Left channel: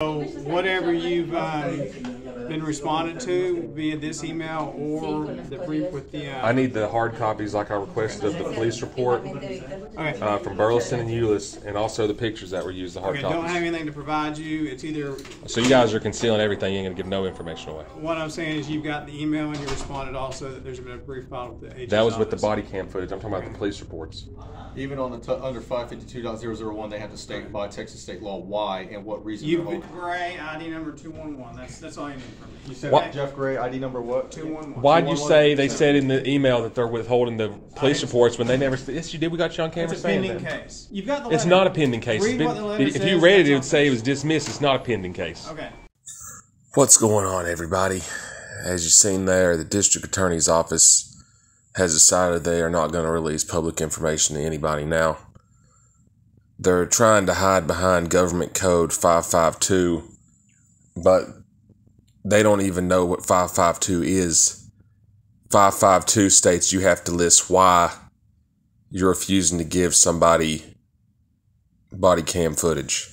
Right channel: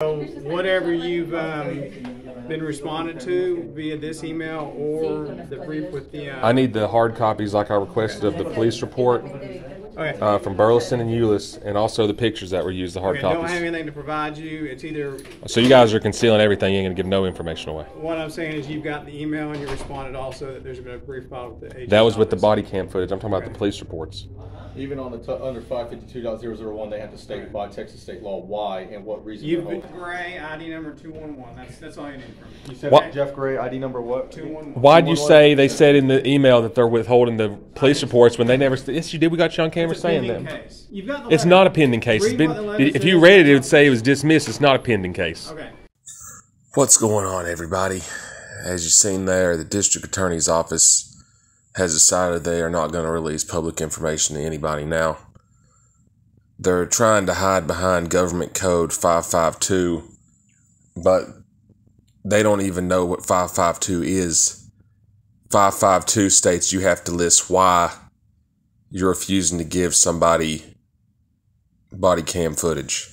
So whatever you've been responded to via this email or the brief with the... I need the hard copies like I requested of the police report from Burleson and Euless, and also the pictures that were used, the hard copies. Don't have anything to provide you. It's either... So you guys are concealing everything. You ain't going to give no information away. What I'm saying is you've got the email and you responded also that there's been a brief filed with the agent's That was with the office. body cam footage. I'm talking about the police reports. Even on the under 552.001, they have to state by Texas state law why and what reason. You've been Gray, ID number 211. That's all you need from me. You said Jeff Gray, ID number what? 211. Why'd you say they said in the email that they're withholding the police reports when they never? Yes, you did. We got you on camera saying that. Case. You've got the It's not a pending case. If you read it, it would say it was dismissed. It's not a pending case. Okay. What's going on, everybody? As you've seen there, the district attorney's office has decided they are not going to release public information to anybody now. They're trying to hide behind government code 552, but they don't even know what 552 is. 552 states you have to list why you're refusing to give somebody body cam footage.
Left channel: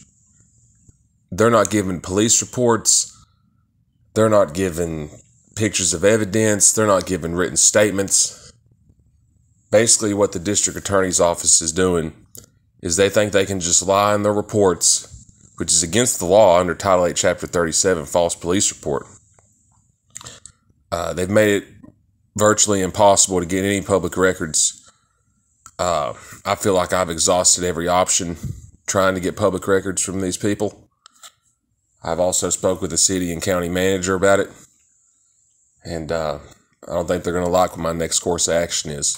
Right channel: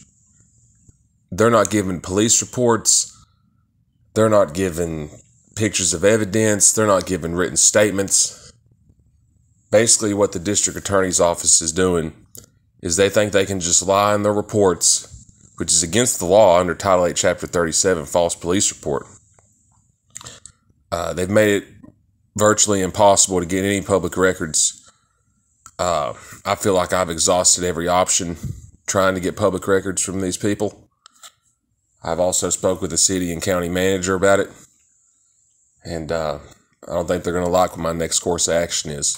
They're not giving police reports. They're not giving pictures of evidence. They're not giving written statements. Basically, what the district attorney's office is doing is they think they can just lie in their reports, which is against the law under Title 8, Chapter 37, false police report. They've made it virtually impossible to get any public records. I feel like I've exhausted every option trying to get public records from these people. I've also spoke with the city and county manager about it, and I don't think they're going to like what my next course of action is.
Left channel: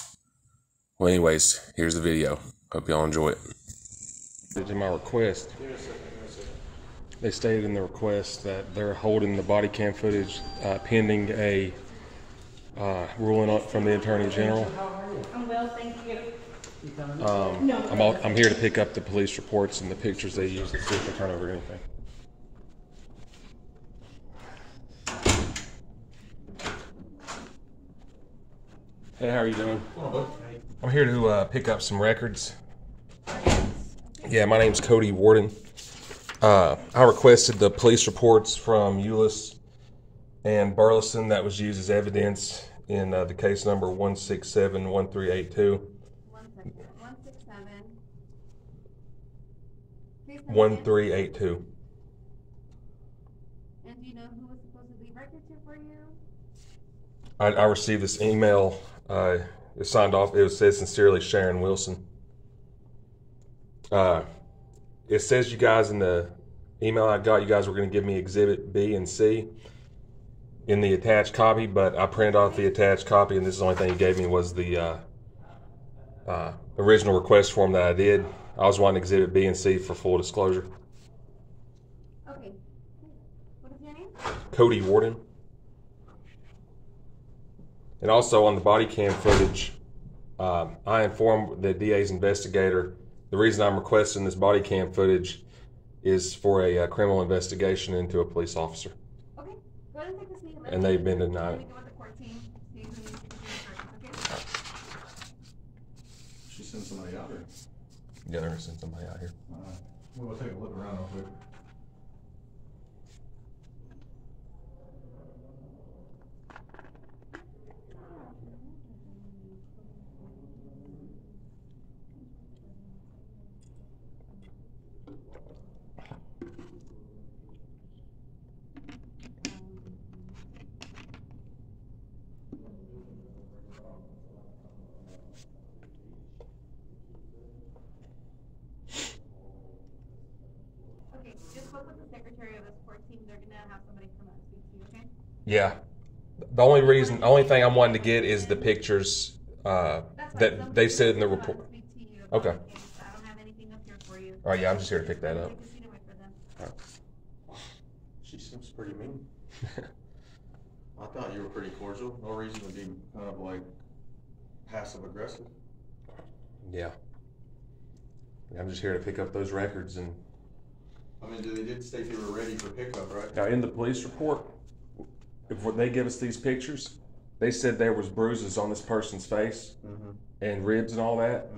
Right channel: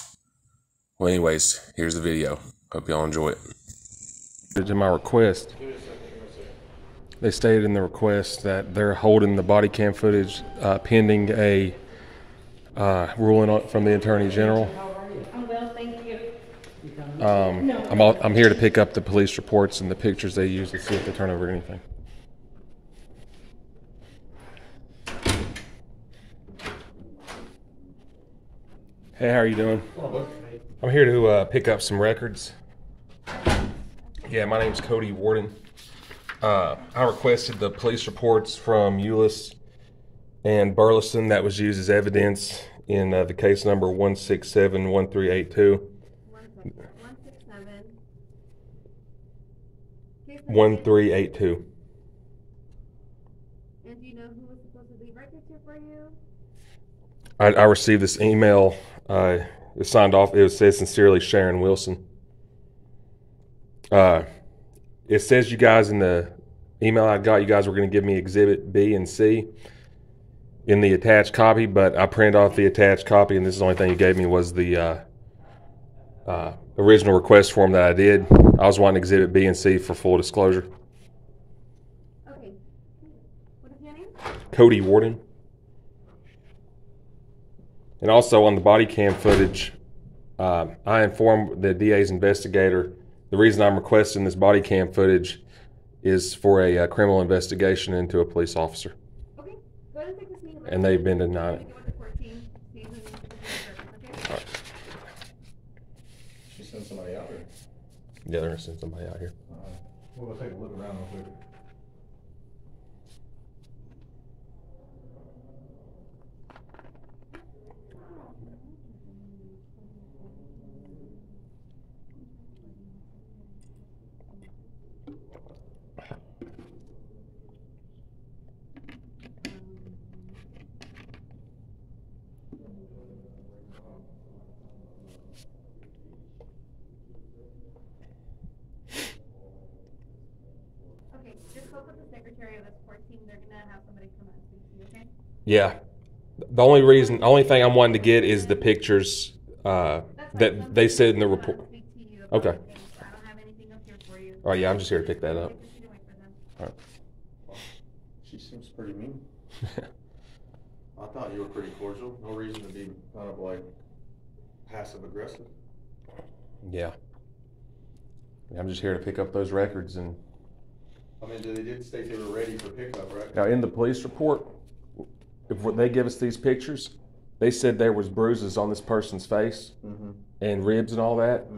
Well, anyways, here's the video. Hope y'all enjoy it. To my request, they stated in the request that they're holding the body cam footage pending a ruling from the Attorney General. I'm well, thank you. I'm here to pick up the police reports and the pictures they use to see if they turn over anything. Hey, how are you doing? I'm here to pick up some records. Yeah, my name's Cody Warden. I requested the police reports from Euless and Burleson that was used as evidence in the case number 167-1382. 1382. And do you know who was supposed to leave records here for you? I received this email. It was signed off. It says sincerely Sharon Wilson. It says you guys in the email I got, you guys were going to give me Exhibit B and C in the attached copy, but I printed off the attached copy, and this is the only thing you gave me was the original request form that I did. I was wanting Exhibit B and C for full disclosure. Okay. What is your name? Cody Warden. And also on the body cam footage, I informed the DA's investigator the reason I'm requesting this body cam footage is for a criminal investigation into a police officer. Okay. Go ahead and take this meeting. And they've been denied it. She sent somebody out here. Yeah, they're going to send somebody out here. We'll go take a look around real quick. Just spoke with the secretary of the support team. They're gonna have somebody come out and speak to you, okay? Yeah. The only thing I'm wanting to get is the pictures that they said in the report. Okay. I don't have anything up here for you. Oh yeah, I'm just here to pick that up. All right. She seems pretty mean. I thought you were pretty cordial. No reason to be kind of like passive aggressive. Yeah. I'm just here to pick up those records. And I mean, they did state they were ready for pickup, right? now in the police report, if they give us these pictures, they said there was bruises on this person's face and ribs and all that.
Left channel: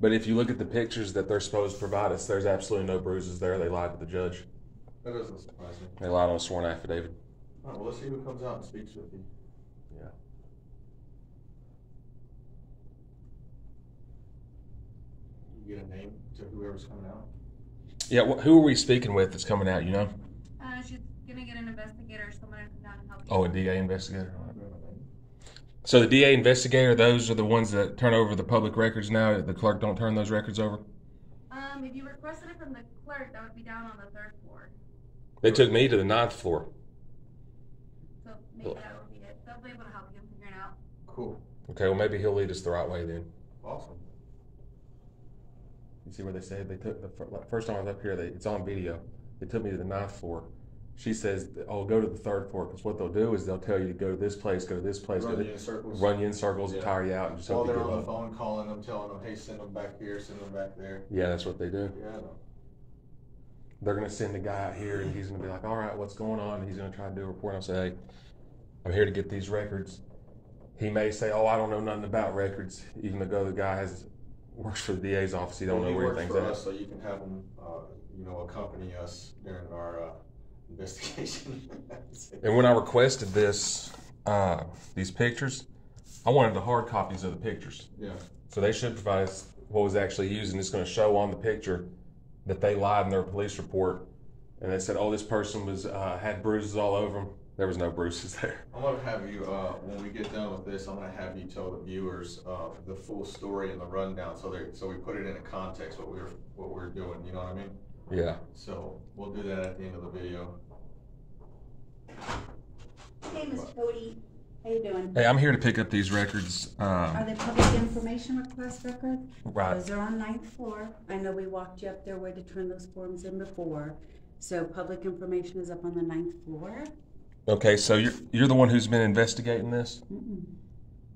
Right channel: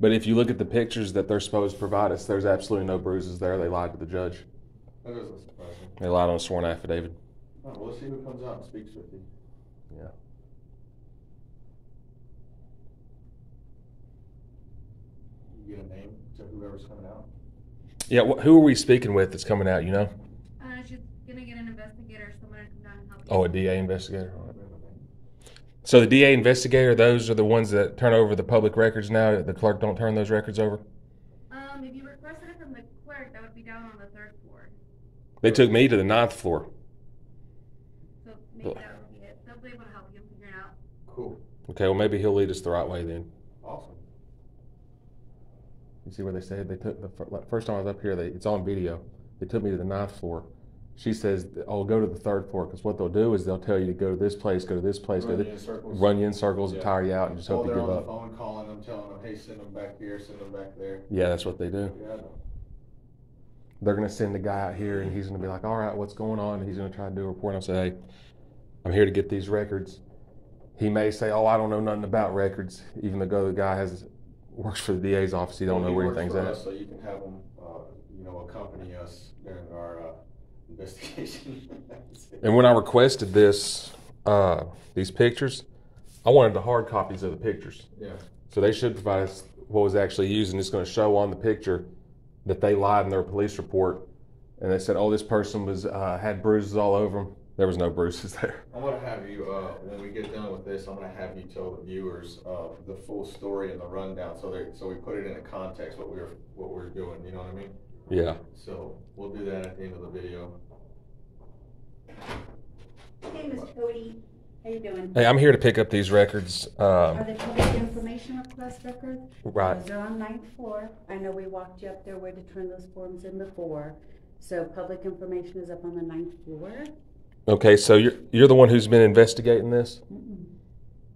But if you look at the pictures that they're supposed to provide us, there's absolutely no bruises there. They lied to the judge. That doesn't surprise me. They lied on a sworn affidavit. All right, well, let's see who comes out and speaks with you. Yeah. You get a name to whoever's coming out? Yeah, who are we speaking with that's coming out, you know? She's gonna get an investigator, someone to come down and help you. Oh, a DA investigator. So the DA investigator, those are the ones that turn over the public records now. The clerk don't turn those records over? If you requested it from the clerk, that would be down on the 3rd floor. They took me to the 9th floor. So maybe that would be it. They'll be able to help you figure it out. Cool. Okay, well maybe he'll lead us the right way then. Awesome. You see where they said they took the first time I was up here, it's on video. They took me to the 9th floor. She says, "Oh, go to the 3rd floor," because what they'll do is they'll tell you to go to this place, go to this place, Run you in circles. run you in circles, and Yeah. tire you out, and just While hope you they're give on the up. phone calling them, telling them, hey, send them back here, send them back there. Yeah, that's what they do. Yeah, I know. They're gonna send a guy out here, and he's gonna be like, "All right, what's going on?" And he's gonna try to do a report. And I'll say, "Hey, I'm here to get these records." He may say, "Oh, I don't know nothing about records," even though the guy works for the DA's office. He don't know where anything's at. So you can have them, accompany us during our investigation. And when I requested these pictures, I wanted the hard copies of the pictures. Yeah. So they should provide us what was actually used, and it's going to show on the picture that they lied in their police report, and they said, "Oh, this person had bruises all over him." There was no bruises there. I'm gonna have you, when we get done with this, I'm gonna have you tell the viewers the full story and the rundown, so we put it in a context what we're doing. You know what I mean? Yeah. So we'll do that at the end of the video. Hey, Mr. Cody, how you doing? Hey, I'm here to pick up these records. Are they public information request records? Right. Those are on 9th floor. I know we walked you up there where to turn those forms in before. So public information is up on the 9th floor. Okay, so you're the one who's been investigating this? Mm-mm.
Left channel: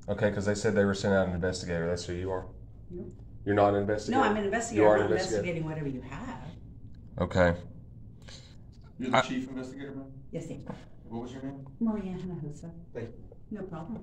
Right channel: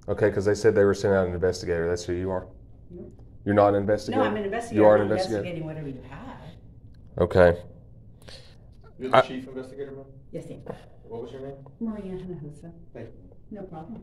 Okay, because they said they were sending out an investigator. That's who you are? Nope. You're not an investigator? No, I'm an investigator. You are an I'm investigator? investigating whatever you have. Okay. You're the chief investigator, man? Yes, thank you. What was your name? Maria Hinojosa. Thank you. No problem.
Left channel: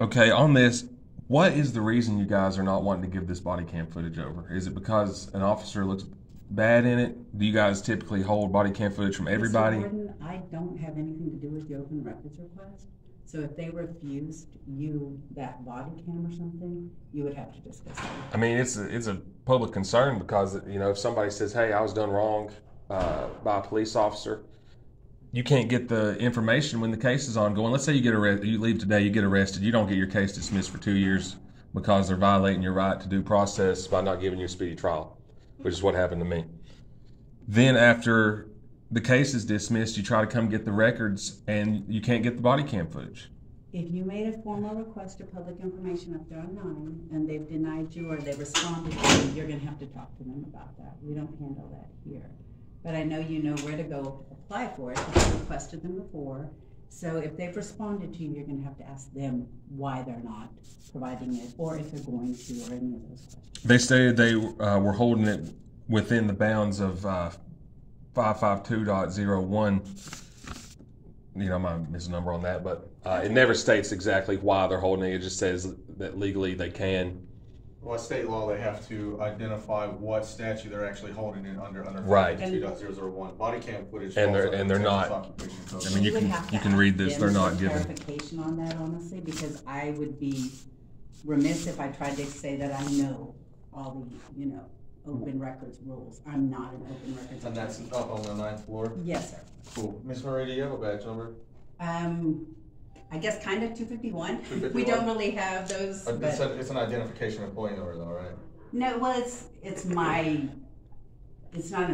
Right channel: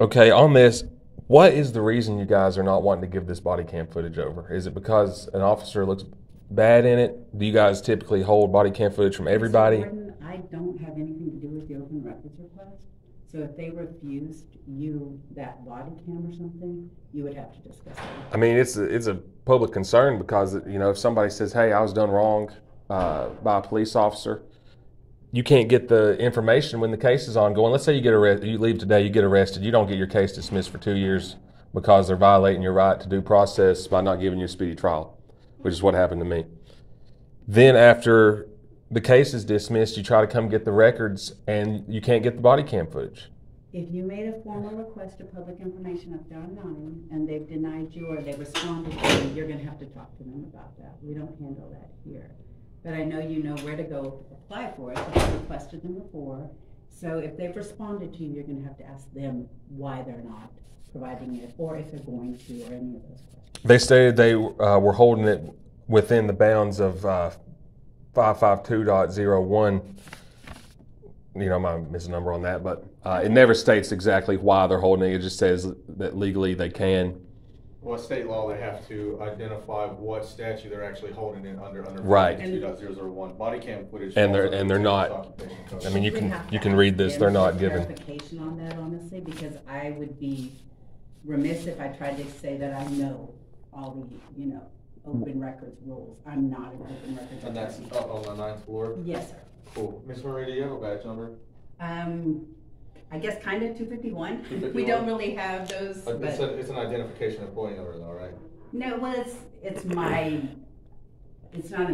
Okay, on this, what is the reason you guys are not wanting to give this body cam footage over? Is it because an officer looks bad in it? Do you guys typically hold body cam footage from everybody? Mr. Gordon, I don't have anything to do with the open records request. So if they refused you that body cam or something, you would have to discuss it. I mean, it's a public concern because, if somebody says, "Hey, I was done wrong by a police officer," you can't get the information when the case is ongoing. Let's say you get arrested, you leave today, you get arrested, you don't get your case dismissed for 2 years because they're violating your right to due process by not giving you a speedy trial, which is what happened to me. Then after the case is dismissed, you try to come get the records and you can't get the body cam footage. If you made a formal request of public information up there on 9 and they've denied you or they responded to you, you're gonna have to talk to them about that. We don't handle that here. But I know you know where to go apply for it because you requested them before. So if they've responded to you, you're gonna have to ask them why they're not providing it or if they're going to or any of those questions. They stated they were holding it within the bounds of 552.01. I might miss a number on that, but it never states exactly why they're holding it. It just says that legally they can. Well, state law, they have to identify what statute they're actually holding it under Right. 2.001. Body cam footage. And falls they're under the not. Texas Occupation Code. I mean, you would have to can read ask this. them They're not for given. clarification on that, honestly, because I would be remiss if I tried to say that I know all the, open records rules. I'm not an open records And that's attorney. up on the 9th floor? Yes, sir. Cool. Miss Marie, do you have a badge number? I guess kind of 251. 251. We don't really have those, but It's an identification employee number though, right? no, well, it's not an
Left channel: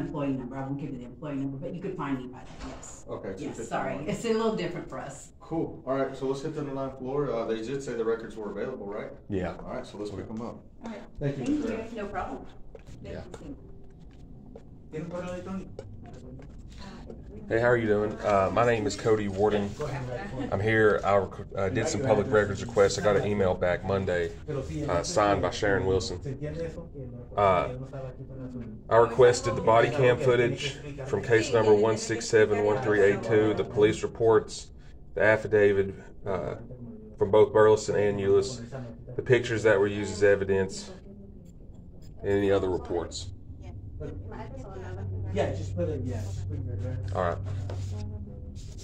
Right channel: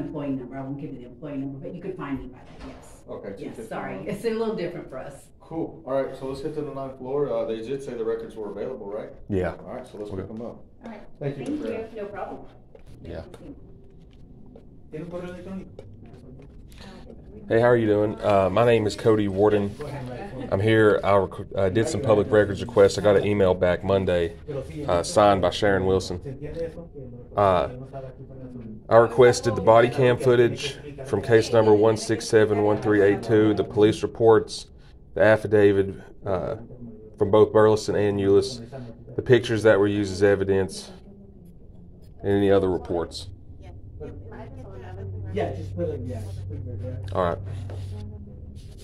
employee number. I won't give you the employee number, but you could find me by that, yes. Okay. Yes, 251. sorry. It's a little different for us. Cool. All right, so let's hit to the 9th floor. They did say the records were available, right? Yeah. All right, so let's pick them up. All right. Thank you. Thank Miss you. Marie. No problem. Yeah. Thank you. Hey, how are you doing? My name is Cody Warden. I'm here. I did some public records requests. I got an email back Monday signed by Sharon Wilson. I requested the body cam footage from case number 1671382, the police reports, the affidavit from both Burleson and Euless, the pictures that were used as evidence, and any other reports. Yeah, just put it, yeah, just put it there. All right.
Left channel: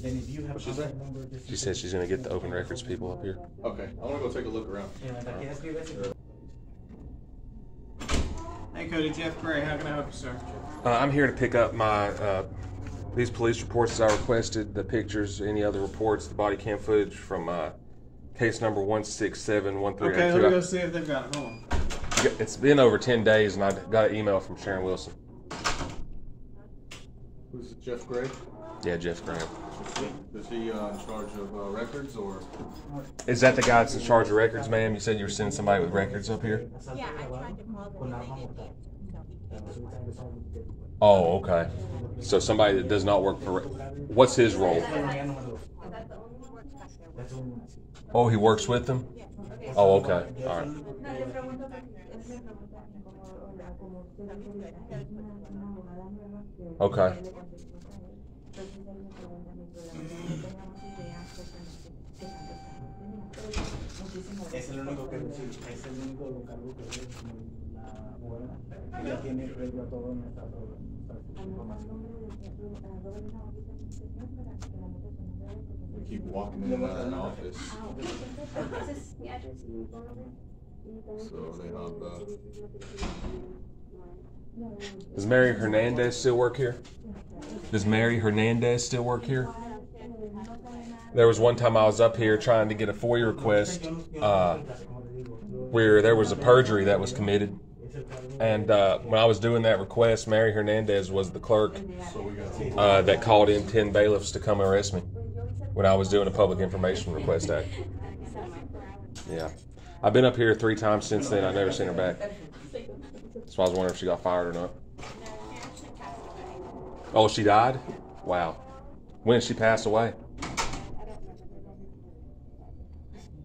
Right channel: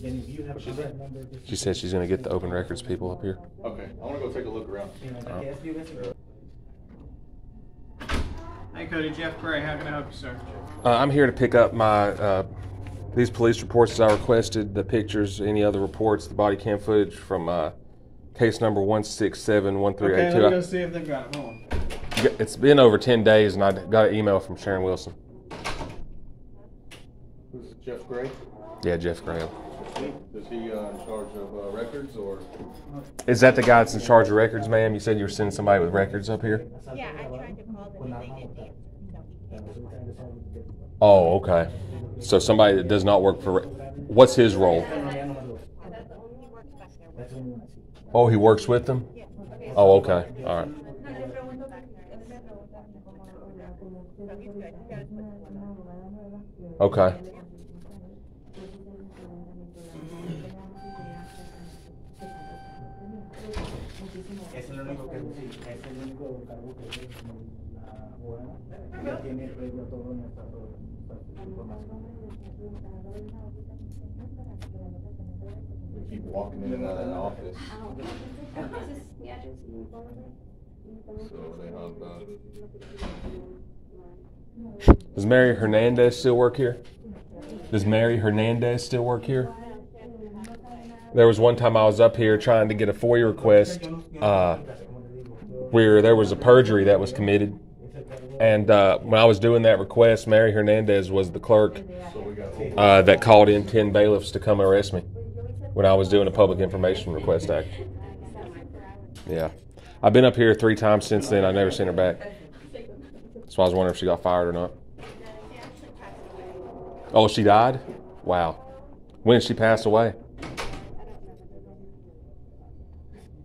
Then if you have a contact number, just. She said she's gonna get the open records people up here. Okay, I wanna go take a look around. Hey Cody, Jeff Gray, how can I help you, sir? I'm here to pick up my these police reports as I requested, the pictures, any other reports, the body cam footage from case number 1671382. Okay, let me go see if they've got it. Hold on. It's been over 10 days, and I got an email from Sharon Wilson. Who's it, Jeff Gray? Yeah, Jeff Graham. Is he in charge of records or? Is that the guy that's in charge of records, ma'am? You said you were sending somebody with records up here? Yeah, I tried to call them and they didn't answer. Oh, okay. So somebody that does not work for... What's his role? Oh, he works with them? Oh, okay. All right. Okay. Es el único que es el único cargo que es la buena. Ya tiene regla todo en esta información. We keep walking in and out of that office. So they have Does Mary Hernandez still work here? Does Mary Hernandez still work here? There was one time I was up here trying to get a FOIA request where there was a perjury that was committed. And when I was doing that request, Mary Hernandez was the clerk that called in 10 bailiffs to come arrest me when I was doing a Public Information Request Act. Yeah. I've been up here 3 times since then. I've never seen her back. So I was wondering if she got fired or not. Oh, she died? Wow. When did she pass away?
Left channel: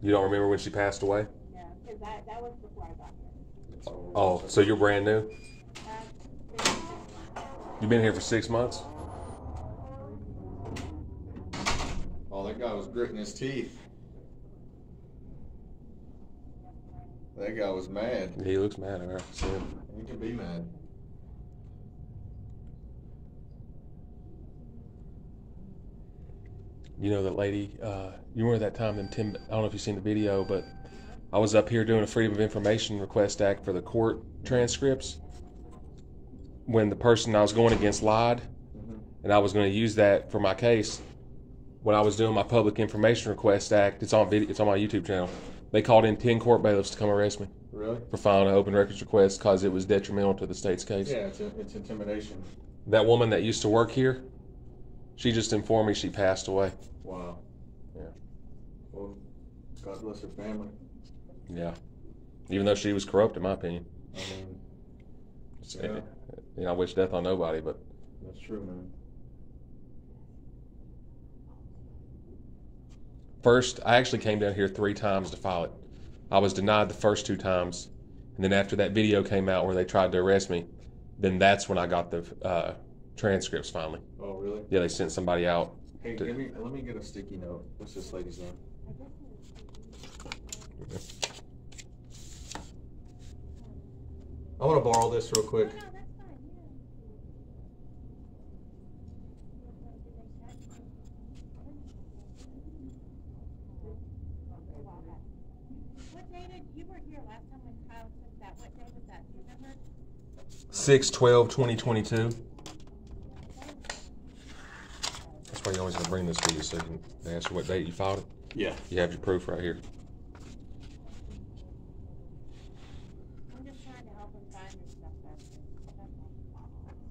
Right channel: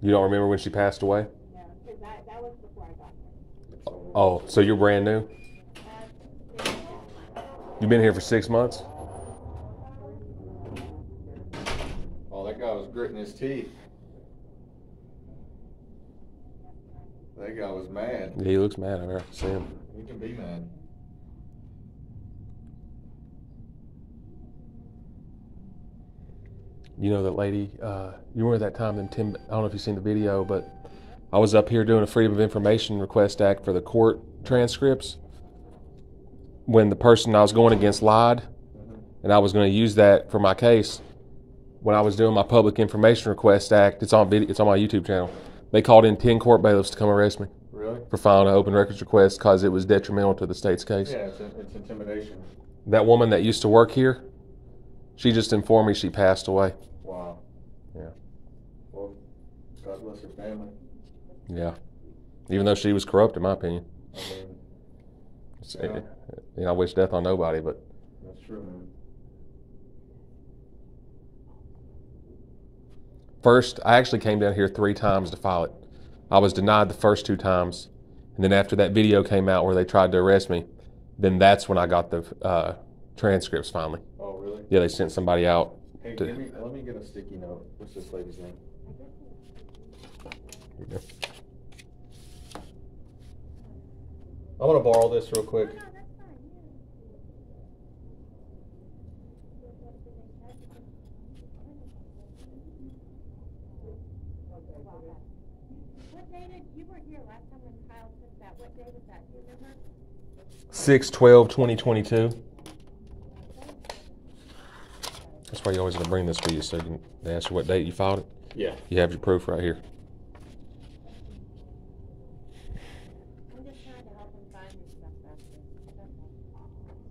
You don't remember when she passed away? No, because that was before I got here. Oh, so you're brand new? You've been here for 6 months? Oh, that guy was gritting his teeth. That guy was mad. Yeah, he looks mad. I see him. He can be mad. You know that lady, you remember that time, I don't know if you've seen the video, but I was up here doing a Freedom of Information Request Act for the court transcripts when the person I was going against lied, and I was going to use that for my case. When I was doing my Public Information Request Act, it's on video, it's on my YouTube channel. They called in 10 court bailiffs to come arrest me. Really? For filing an open records request because it was detrimental to the state's case. Yeah, it's intimidation. That woman that used to work here, she just informed me she passed away. Wow. Yeah. Well, God bless her family. Yeah. Even though she was corrupt, in my opinion. I mean, I wish death on nobody, but that's true, man. first, I actually came down here 3 times to file it. I was denied the first 2 times, and then after that video came out where they tried to arrest me, then that's when I got the transcripts finally. Oh, really? Yeah, they sent somebody out. Hey, let me get a sticky note. What's this lady's name? I want to borrow this real quick. What day did you weren't here last time when Kyle took that? What day was that? Do you remember? 6/12/2022. That's why you always gonna bring this to you, so they ask you what date you filed it. Yeah. You have your proof right here. I'm just trying to help him find his stuff faster.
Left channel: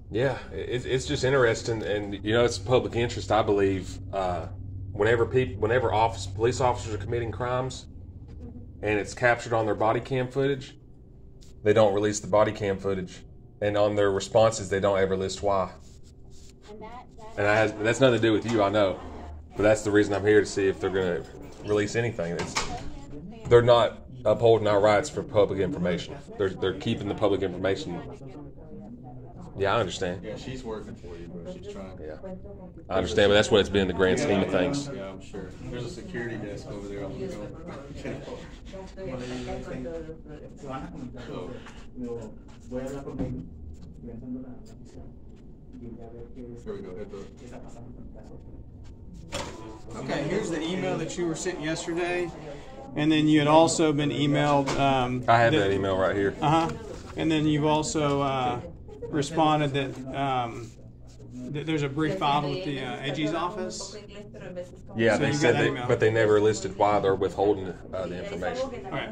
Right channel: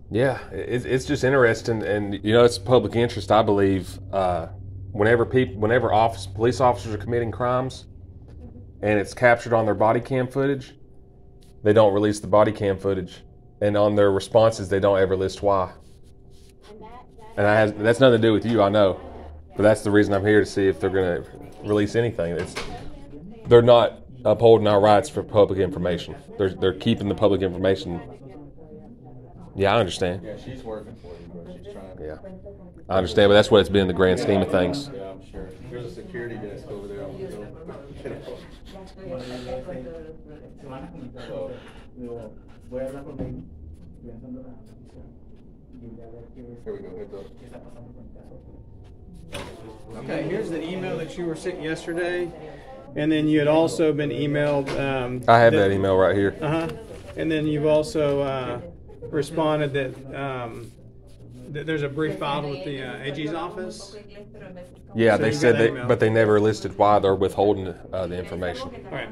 Yeah, it's just interesting, and you know, it's public interest. I believe whenever police officers are committing crimes, and it's captured on their body cam footage, they don't release the body cam footage, and on their responses, they don't ever list why. And that's nothing to do with you, I know, but that's the reason I'm here, to see if they're going to release anything. They're not upholding our rights for public information. They're keeping the public information. Yeah, I understand. Yeah, she's working for you, bro. She's trying. Yeah, I understand, but that's what it's been in the grand scheme of things. Yeah, I'm sure. There's a security desk over there. I'm gonna go get it. Se van a comunicar. Voy a hablar con ellos. y a ver qué Here we go, heads up. qué está pasando con el caso. Okay, here's the email that you were sent yesterday, and then you had also been emailed. I have that email right here. And then you've also responded that that there's a brief filed with the AG's office. Yeah, So they you said got that they, email. but they never listed why they're withholding the information. Okay.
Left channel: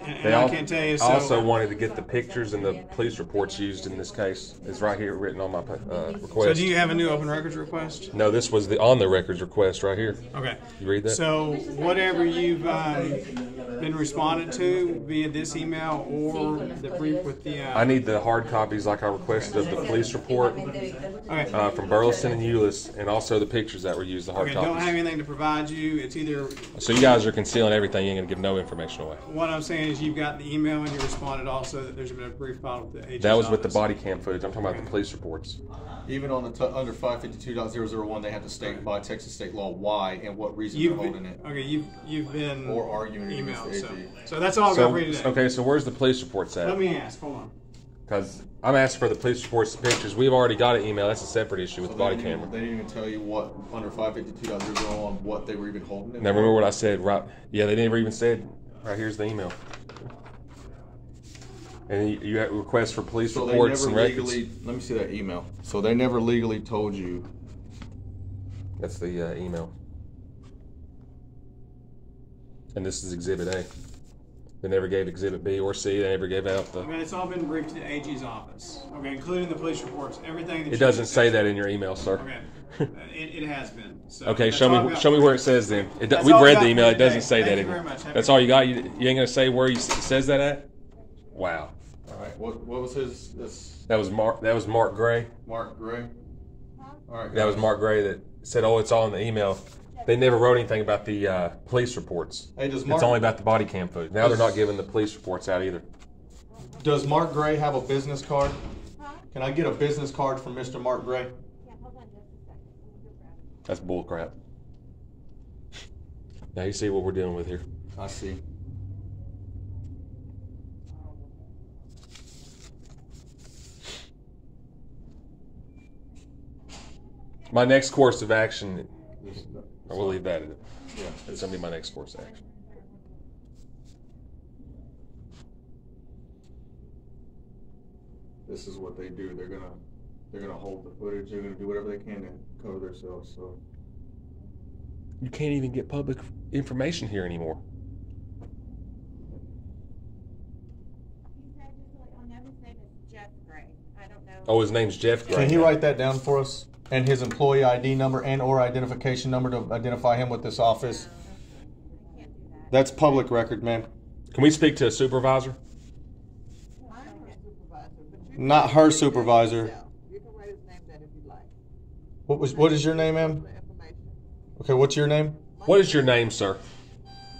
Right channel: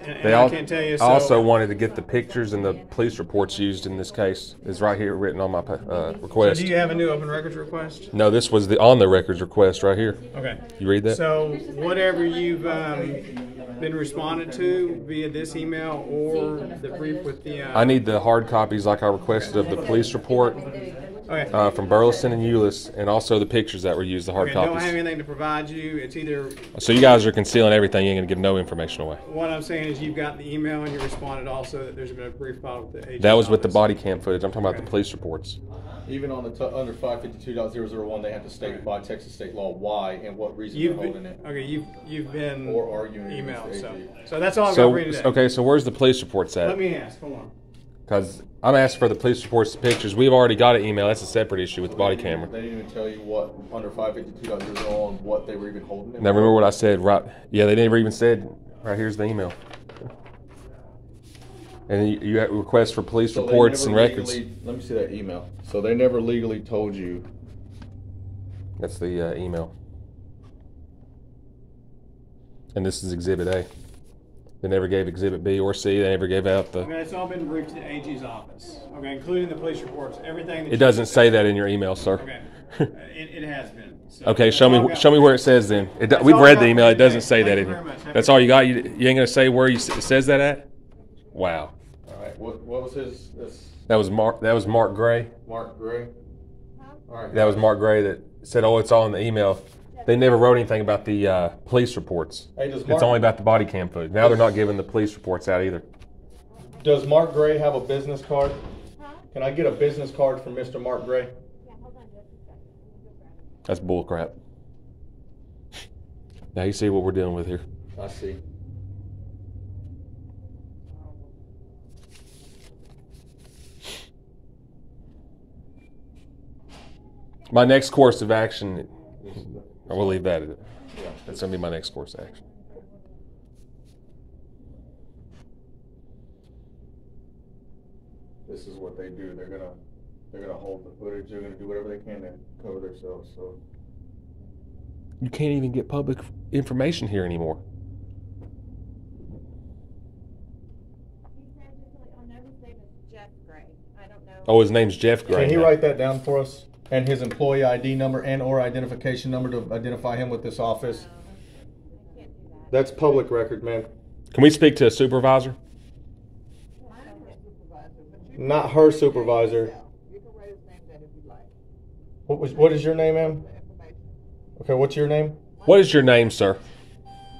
And They I can't tell you. So, I also wanted to get the pictures and the police reports used in this case. It's right here written on my so request. do you have a new open records request? No, this was the on the records request right here. Okay. You read that? So whatever you've been responded to via this email or the brief with the. I need the hard copies like I requested of the police report Okay. from Burleson and Euless, and also the pictures that were used, the hard Okay. Don't have copies. anything to provide you. It's either So you guys are concealing everything. You ain't gonna give no information away. what I'm saying is you've got the email and you responded also that there's been a brief file with the AG's That was with the office. body cam footage. I'm talking about the police reports. Even on the under 552.001, they have to state by Texas state law why and what reason they're You've holding it. okay. You've been Or arguing emailed. against the So AG. so that's all I've got So for you today. okay, so where's the police reports Let at? me ask. Hold on. Because I'm asking for the police reports, the pictures. We've already got an email. That's a separate issue with the body camera. They didn't even tell you what under 552.001 what they were even holding it. Now remember what I said, right? Yeah, they never even said. Right here's the email. And you have requests for police So they reports never and records. legally, let me see that email. So they never legally told you. That's the email. And this is Exhibit A. They never gave Exhibit B or C. They never gave out the. Okay, it's all been briefed to the AG's office. Okay, including the police reports, everything. That It doesn't say that in your email, sir. Okay, it has been. So Okay, that's show all I've me got. show me where it says then. That's We've all read I the got email. for It doesn't today. say Thank that you in very here. much. Have That's a all good you got. You ain't gonna say where it says that at? Wow. All right. What was his? This That was Mark. That was Mark Gray. Mark Gray. All right. That was Mark Gray that said, "Oh, it's all in the email." They never wrote anything about the police reports. Hey, does It's Mark, only about the body cam footage. Now they're not giving the police reports out either. does Mark Gray have a business card? Huh? Can I get a business card from Mr. Mark Gray? Yeah, hold on just a second. Let me go grab it. That's bull crap. Now you see what we're dealing with here. I see. My next course of action, I will leave that at it. Yeah. That's gonna be my next course of action. This is what they do. They're gonna hold the footage. They're gonna do whatever they can to cover themselves. So You can't even get public information here anymore. He said just like, on every name is Jeff Gray. I don't know. Oh, his name's Jeff Gray. can he now. write that down for us? And his employee ID number and or identification number to identify him with this office. I can't do that. That's public record, man. Can we speak to a supervisor? Not her supervisor. You can write his name down if you like. What is your name, ma'am? The information. Okay, what's your name? What is your name, sir?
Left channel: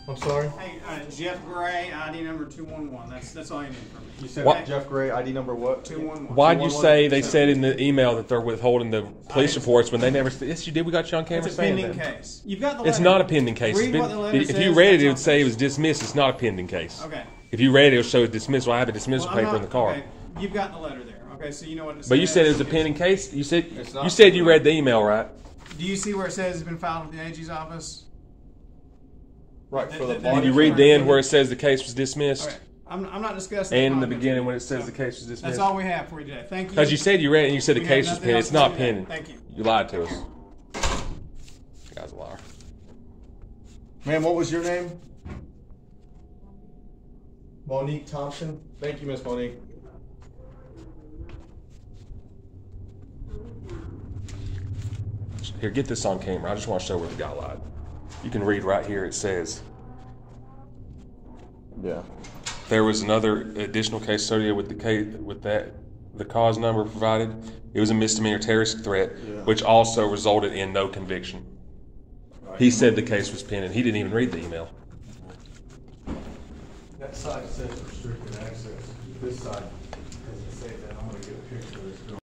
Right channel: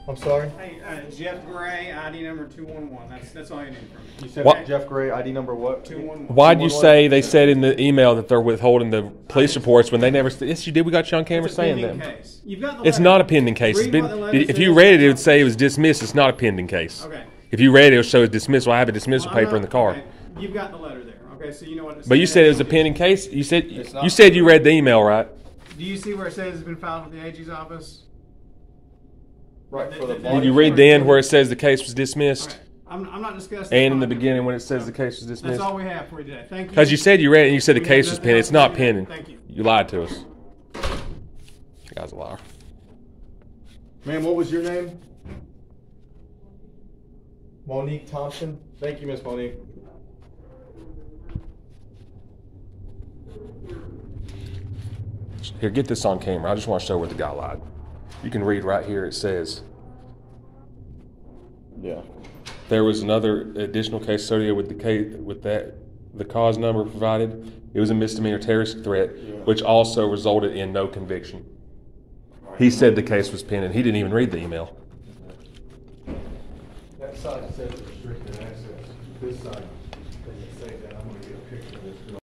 I'm sorry. Hey, Jeff Gray, ID number 211. That's all you need from me. You said What? Jeff Gray, ID number what? 211. Why'd you say they said in the email that they're withholding the police reports when they never? Yes, you did. We got you on camera It's a saying pending that. case. You've got the It's letter. not a pending case. It's Read been, what the letter if you says. read it, it would say it was dismissed. It's not a pending case. Okay. If you read it, it would show dismissal. I have a dismissal Well, I'm paper in the not- car. okay, you've got the letter there. Okay, so you know what it says. But you said it was a pending case. You said It's not. you said you read the email, right? Do you see where it says it's been filed with the AG's office? Right, for the Did body. Did you read the end where it says the case was dismissed? Okay. I'm not discussing. And in the content. beginning when it says the case was That's dismissed? all we have for you today. Thank you. Because you said you read it and you said the We case have was nothing pending. else It's to not say today. pending. Thank you. You lied to us. You guy's a liar. Ma'am, what was your name? Monique Thompson. Thank you, Miss Monique. Here, get this on camera. I just want to show where the guy lied. You can read right here. It says Yeah. there was another additional case associated with the case with that the cause number provided. It was a misdemeanor terrorist threat, Yeah. which also resulted in no conviction. He said the case was pending. He didn't even read the email. That side says restricted access. This side